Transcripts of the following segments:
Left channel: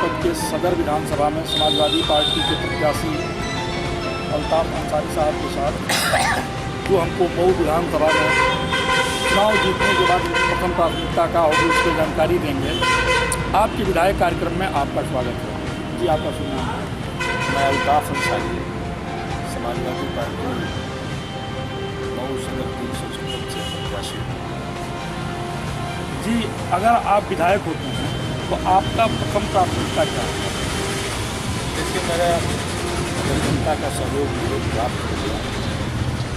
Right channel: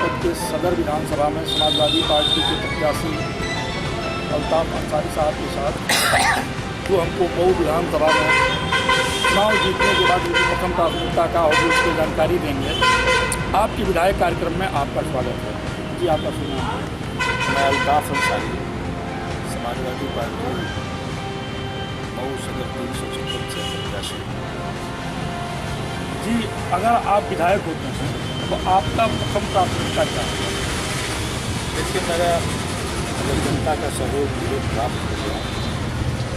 जनपद के सदर विधानसभा में समाजवादी पार्टी के प्रत्याशी अल्ताफ अंसारी साहब के साथ जो हमको मऊ विधानसभा में चुनाव जीतने के बाद जो प्रथम प्राथमिकता का होगी उसकी जानकारी देंगे। आपके विधायक कार्यक्रम में आपका स्वागत है जी। आपका सुना मैं अल्ताफ अंसारी समाजवादी पार्टी मऊ सदर 356 से प्रत्याशी जी। अगर आप विधायक होते हैं तो आपका प्रथम प्राथमिकता क्या है? देखिए, मेरा जनता का सहयोग मुझे प्राप्त हो गया,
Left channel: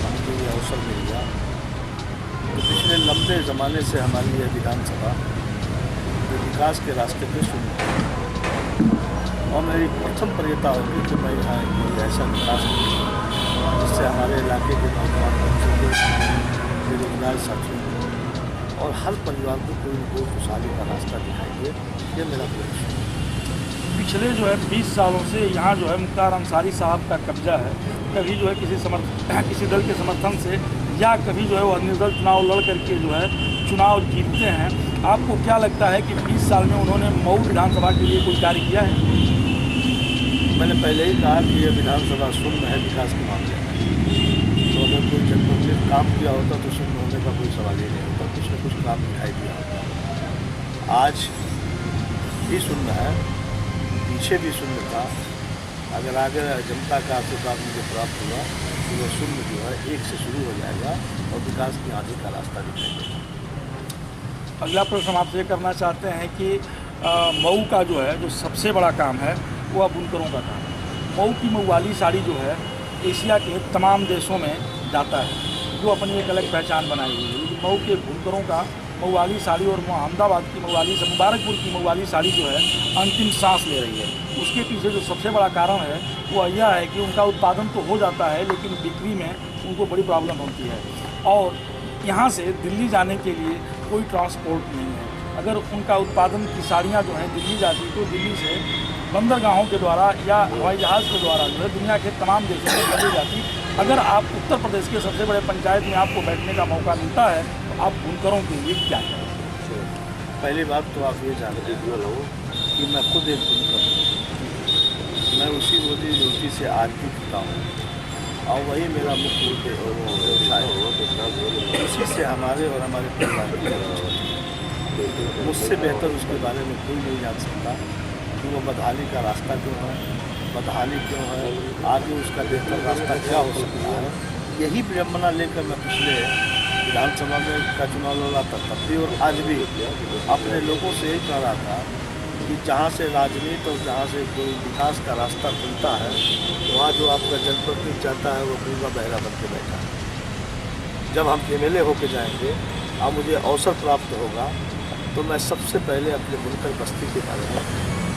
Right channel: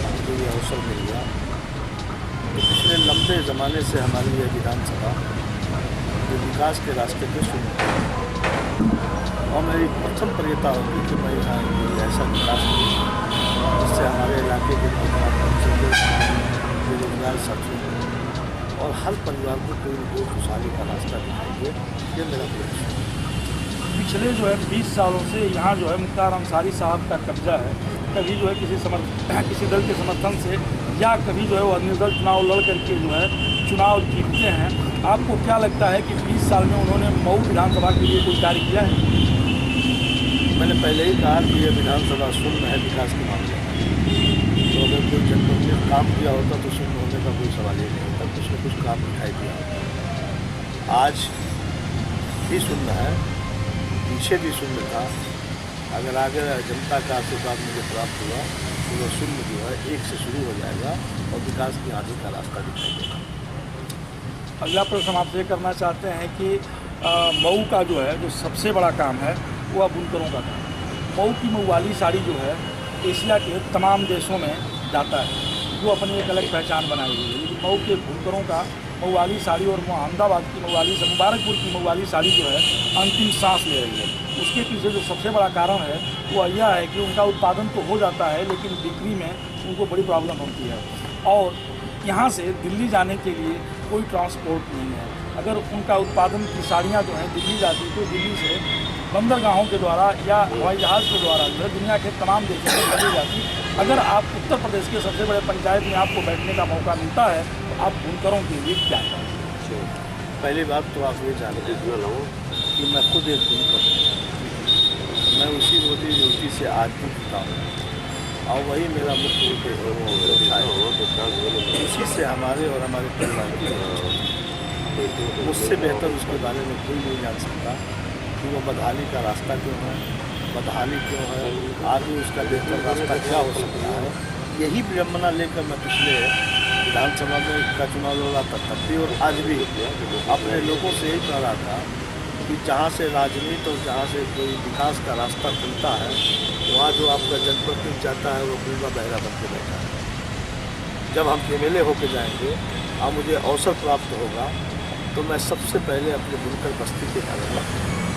हमको ये अवसर मिल गया। तो पिछले लंबे ज़माने से हमारी यह विधानसभा जो विकास के रास्ते पे शुरू है और मेरी प्रथम प्रियता होगी कि मैं यहाँ कोई ऐसा विकास करूँ जिससे हमारे इलाके के नौजवान बच्चों को, बेरोजगार साथियों को और हर परिवार को कोई न कोई खुशहाली का रास्ता दिखाएंगे। ये मेरा लक्ष्य है। पिछले जो है 20 सालों से यहाँ जो है मुख्तार अंसारी साहब का कब्जा है। कभी जो है किसी दल के समर्थन से या कभी जो है वो निर्दल चुनाव लड़ करके जो है चुनाव जीतते हैं। आपको क्या लगता है कि 20 साल में उन्होंने मऊ विधानसभा के लिए कोई कार्य किया है? मैंने पहले ही कहा कि ये विधानसभा शून्य है विकास के मामले में। तो अगर कोई जनपद में काम किया होता तो शून्य होने का कोई सवाल ही नहीं होता। कुछ न कुछ काम दिखाई दिया होता। आज भी शून्य है, पीछे भी शून्य था। अगर आगे जनता का आशीर्वाद मुझे प्राप्त हुआ तो वह शून्य जो है 1 से शुरू हो जाएगा और विकास की आगे का रास्ता दिखाई देगा। अगला प्रश्न हम आपसे करना चाहते हैं कि मऊ का जो है जो सबसे बड़ा काम है वो बुनकरों का काम है। मऊ की मऊ वाली साड़ी जो है एशिया के तमाम देशों में जाता है, जो अपनी एक अलग पहचान बनाई हुई है। लेकिन मऊ के बुनकरों का मऊ वाली साड़ी और अहमदाबाद की मऊ वाली, मुबारकपुर की मऊ वाली साड़ी जो है अंतिम सांस ले रही है। उसके पीछे जो सबसे बड़ा कारण है वो यह है कि उनका उत्पादन तो हो जाता है लेकिन बिक्री में उनको बड़ी प्रॉब्लम होती है और यहाँ से दिल्ली जाने के लिए कोई ट्रांसपोर्ट नहीं है। अगर उनका उत्पादन की साड़ियाँ जो हैं दिल्ली जाती तो दिल्ली से बंदरगाहों के द्वारा या हवाई जहाज़ के द्वारा जो है दुनिया के तमाम देशों में भेजी जाती। अगर आप उत्तर प्रदेश के सबसे बड़े पंचायत में आपको बैठने का मौका मिलता है तो आप बुनकरों के लिए क्या करें? पहली बात तो आप ये जानते हो कि मैं खुद एक बुनकर हूँ। मैं उसी रोजी से आज भी जीता हूँ और वही मेरा मुख्य व्यवसाय है। उसी से हमारे और हमारे परिवार की मुझसे बेहतर उसके बारे में कोई नहीं जान सकता कि वो बदहाली का रास्ता क्यों है, बदहाली क्यों है, आगे उसका बेहतर रास्ता क्या हो सकता है। यही विडम्बना लेकर मैं पिछले विधानसभा में का चुनाव लड़ा था तब भी और आज भी अपने लोगों से यही कह रहा था कि जहाँ से राजनीति और जहाँ से कोई विकास का रास्ता खुलता है वहाँ जो आपका जनप्रतिनिधि चाहता है वो गूंगा बहरा बन के बैठा है। जब हम MLA होके जाएंगे और मुझे अवसर प्राप्त होगा तो मैं सबसे पहले अपने बुनकर बस्ती के बारे में,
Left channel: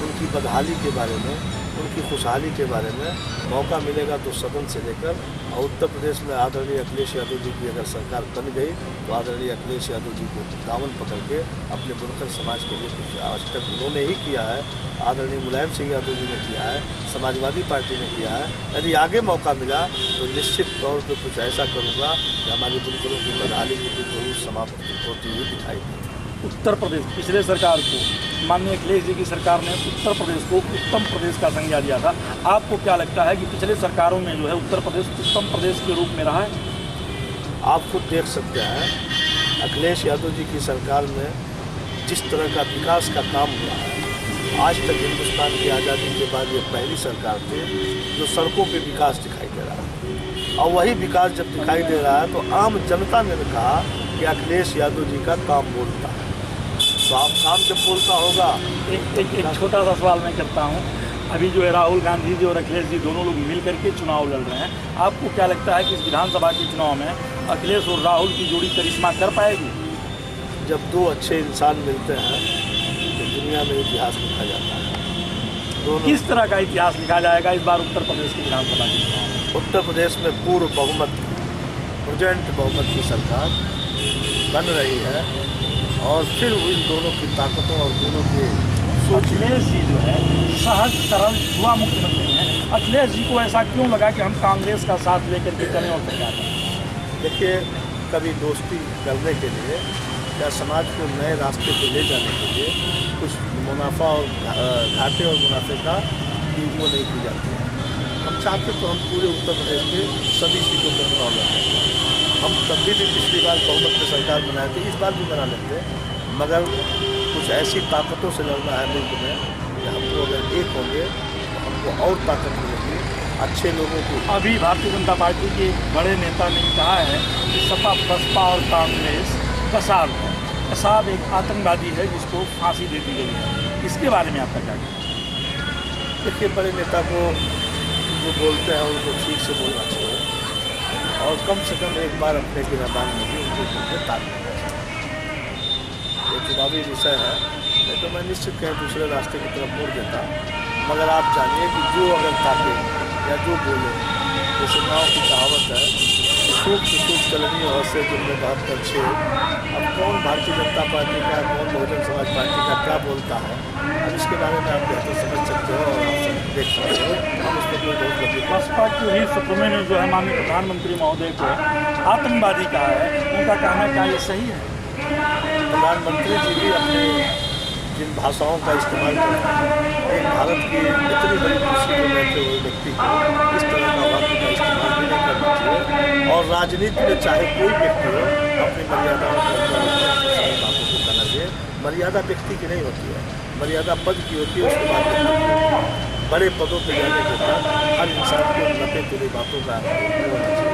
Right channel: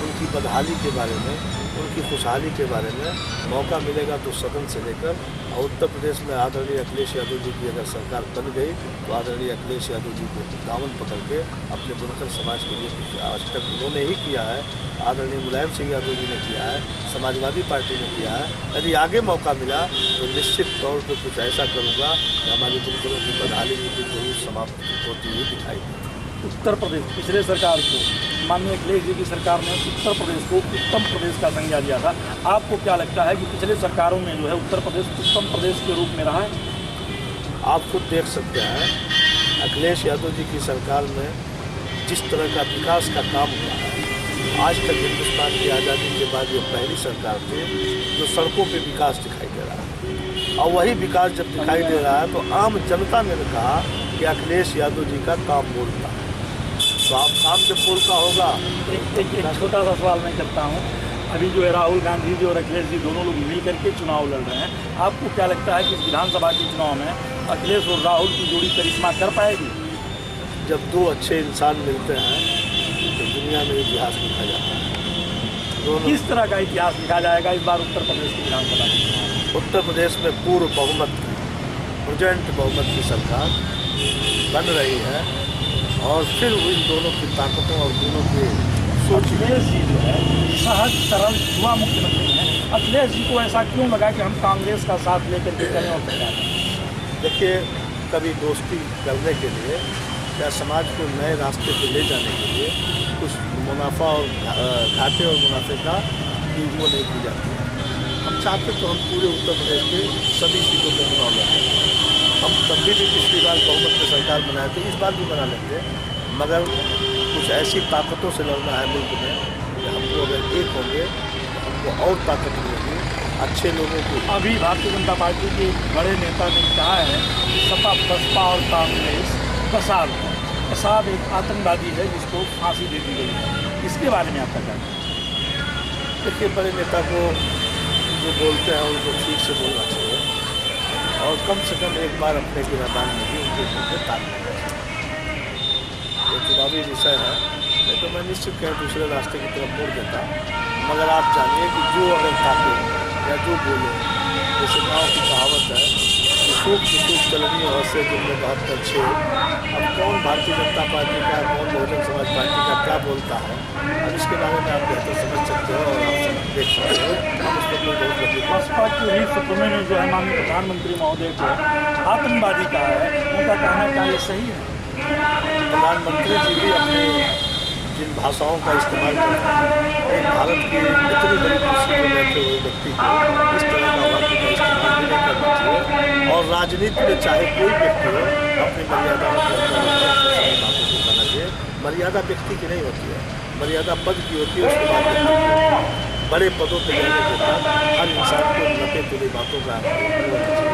उनकी बदहाली के बारे में, उनकी खुशहाली के बारे में मौका मिलेगा तो सदन से लेकर और उत्तर प्रदेश में आदरणीय अखिलेश यादव जी की अगर सरकार बन गई तो आदरणीय अखिलेश यादव जी को दामन पकड़ के अपने बुनकर समाज के लिए कुछ आवश्यक उन्होंने ही किया है, आदरणीय मुलायम सिंह यादव जी ने किया है, समाजवादी पार्टी ने किया है। यदि आगे मौका मिला तो निश्चित तौर पर कुछ ऐसा करूँगा कि हमारी बुनकरों की बदहाली की जरूर समाप्त होती हुई दिखाई देगी। उत्तर प्रदेश पिछले सरकार को, माननीय अखिलेश जी की सरकार ने उत्तर प्रदेश को उत्तम प्रदेश का संज्ञा दिया था। आपको क्या लगता है कि पिछले सरकारों में जो है उत्तर प्रदेश उत्तम प्रदेश के रूप में रहा है? आप खुद देख सकते हैं अखिलेश यादव जी की सरकार में जिस तरह का विकास का काम हुआ है। आज तक हिंदुस्तान की आज़ादी के बाद ये पहली सरकार थी जो सड़कों पे विकास दिखाई दे रहा है और वही विकास जब दिखाई दे रहा है तो आम जनता ने कहा कि अखिलेश यादव जी का काम बोलता है। तो आप काम जब बोलता होगा। एक छोटा सा सवाल मैं करता हूँ। अभी जो है राहुल गांधी जी और अखिलेश जी दोनों लोग मिल करके चुनाव लड़ रहे हैं। आपको क्या लगता है कि इस विधानसभा के चुनाव में अखिलेश और राहुल की जोड़ी करिश्मा कर पाएगी? जब दो अच्छे इंसान मिलते हैं तो दुनिया में इतिहास लिखा जाता है। किस तरह का इतिहास लिखा जाएगा इस बार उत्तर प्रदेश की विधानसभा के चुनाव? उत्तर प्रदेश में पूर्व बहुमत, प्रेजेंट बहुमत की सरकार बन रही है और फिर इन दोनों की ताकतों और दोनों के अखिलेश जी जो है सहज सरल युवा मुख्यमंत्री हैं। अखिलेश जी को ऐसा क्यों लगा कि हम कांग्रेस का साथ लेकर के चलें और सरकार? देखिए, कभी दोस्ती करने के लिए या समाज को नए रास्ते पर ले जाने के लिए कुछ मुनाफा और घाटे और मुनाफे का वो नहीं की जाती है। हम चाहते तो हम पूरे उत्तर प्रदेश के सभी सीटों पर चुनाव लड़ते। हम तब भी पिछली बार बहुमत में सरकार बनाए थे, इस बार भी बना लेंगे, मगर कुछ ऐसी ताकतों से लड़ना है मुल्क में कि हमको अगर एक होंगे तो हमको और ताकत मिलेगी। अच्छे लोगों को अभी भारतीय जनता पार्टी के एक बड़े नेता ने कहा है कि सपा बसपा और कांग्रेस कसाब है। कसाब एक आतंकवादी है जिसको फांसी दे दी गई है। इसके बारे में आपका क्या कहना है? देखिए, बड़े नेता को जो बोलते हैं उनको ठीक से बोलना चाहिए और कम से कम एक बार अपने गिरफ्तार में भी उनके मुद्दे ताल देना चाहिए। ये चुनावी विषय है, नहीं तो मैं निश्चित कहीं दूसरे रास्ते की तरफ मोड़ देता। मगर आप जानिए कि जो अगर ताके या जो बोले, जैसे गाँव की कहावत है सूख चलनी और से जिनमें 72-6। अब कौन भारतीय जनता पार्टी का, कौन बहुजन समाज पार्टी का क्या बोलता है, अब इसके बारे में आप बेहतर समझ सकते हो और आप देख सकते हो। हम उस पर कोई बहुत लंबी बसपा के ही सुप्रीमो ने जो है माननीय प्रधानमंत्री महोदय को आतंकवादी कहा है, उनका कहना क्या ये सही है? प्रधानमंत्री जी भी अपने जिन भाषाओं का इस्तेमाल करते हैं, एक भारत की इतनी बड़ी कुर्सी पर बैठे हुए व्यक्ति को इस तरह का वाक्य का इस्तेमाल भी नहीं करना चाहिए। और राजनीति में चाहे कोई व्यक्ति हो, अपनी मर्यादाओं के अंदर सारी बातों को कहना चाहिए। मर्यादा व्यक्ति की नहीं होती है, मर्यादा पद की होती है। उसके बाद बड़े पदों पर जाने के बाद हर इंसान को लपे तुली बातों का होना चाहिए।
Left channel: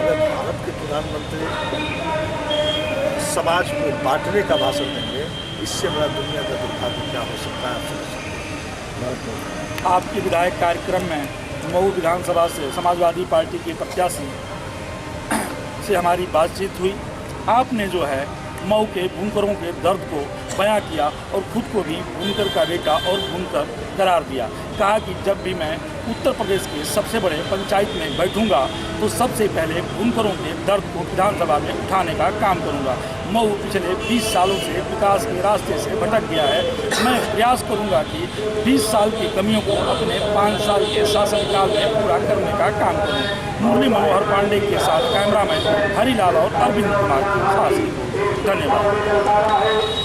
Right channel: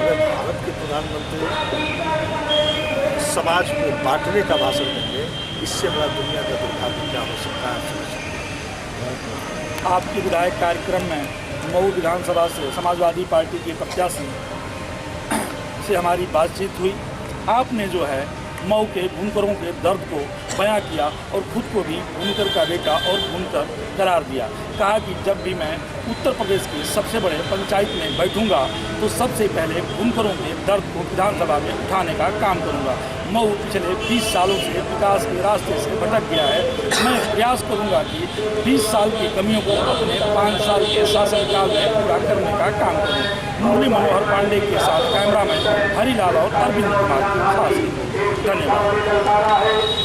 अगर भारत के प्रधानमंत्री समाज को बांटने का भाषण देंगे, इससे बड़ा दुनिया का दुर्भाग्य क्या हो सकता है। आपके विधायक कार्यक्रम में मऊ विधानसभा से समाजवादी पार्टी के प्रत्याशी से हमारी बातचीत हुई। आपने जो है मऊ के बुनकरों के दर्द को बयां किया और खुद को भी बुनकर का बेटा और बुनकर करार दिया। कहा कि जब भी मैं उत्तर प्रदेश के सबसे बड़े पंचायत में बैठूंगा तो सबसे पहले बुनकरों के दर्द को विधानसभा में उठाने का काम करूंगा। मऊ पिछले 20 सालों से विकास के रास्ते से भटक गया है। मैं प्रयास करूंगा कि 20 साल की कमियों को अपने 5 साल के शासनकाल में पूरा करने का काम करूँ। मुरली मनोहर पांडे के साथ कैमरामैन हरिलाल और अरविंद कुमार की खास रिपोर्ट। धन्यवाद।